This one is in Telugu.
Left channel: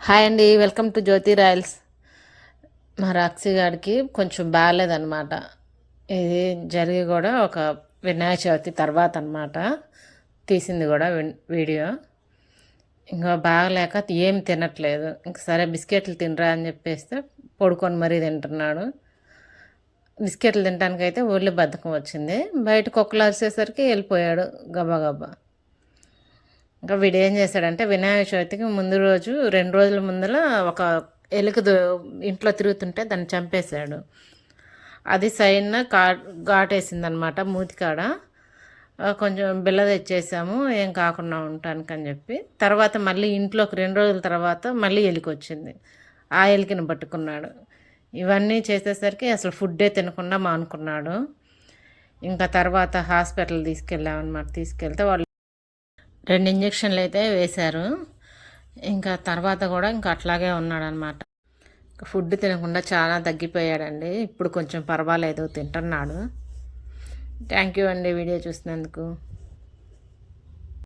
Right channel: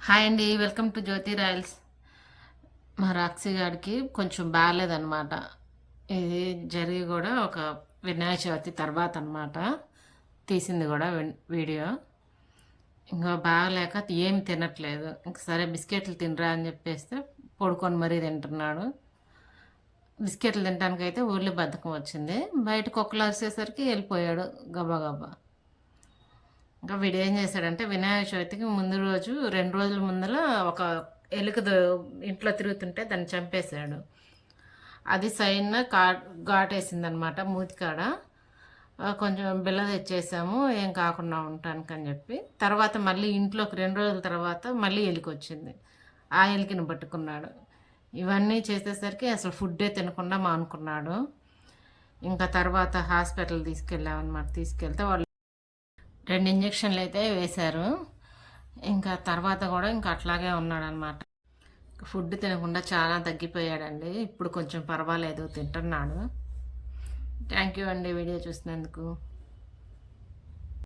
హాయ్ అండి, వెల్కమ్ టు జ్యోతి రాయల్స్. మా రాక్షి గారికి కొంచెం బాగాలేదన్నమాట. ఇది జరిగి కూడా ఒక వినాయక చవితి తర్వాత అనమాట తీసింది కూడా వీడియో. ఇంకా బాగలేక ఏం తినట్లేదు. ఇంక సరే బిస్కెట్లు తినరా అని చెప్పేస్తే పడుకొని మరీ తింటున్నాడు. బిస్కెట్లు తినడానికైతే ఒళ్ళు బద్ధకం వచ్చింది. బయట కుక్కలు అరిసేసరికి వెళ్ళిపోయాడు గబా గబా. ఇంకా వీడు ఏం చేశాడంటే వినాయక చవితికి ముందు రోజు 2 రోజుల ముందర ఒక ఎలుక ఇంట్లో తిరుగుతుంటే దాన్ని చంపేశాడు. అది సైన్ ఘాటేసిందనమాట మూతికాడ. కొంచెం బిల్ల తెచ్చేసాము ఏం కాకుండా ఉండటానికని చెప్పి. తర్వాత మళ్ళీ ఇంట్లోకి 2 రోజుల తర్వాత మళ్ళీ ఎలుక వచ్చింది. ఆ ఎలికని పట్టుకున్నాడు. ఇవన్నీ చేసేసరికి అసలు ఫుడ్డే తినకుండా మానుకున్నాడు. ఇంకా తర్వాత హాస్పిటల్ తీసుకెళ్ళామన్నమాట. తీసుకెళ్తే వాళ్ళు 2 ఇంజక్షన్లు అయితే వేశారు. ఇంకా తర్వాత కూడా ఇంకా అట్లాగే ఉన్నాడనమాట. ఫుడ్ తినకుండా చాలా తగ్గిపోయాడండి. ఇప్పుడు కొంచెం పర్వాలేదు, తింటున్నాడు. థ్యాంక్ యూ అండి వీడియో చూసినందుకు.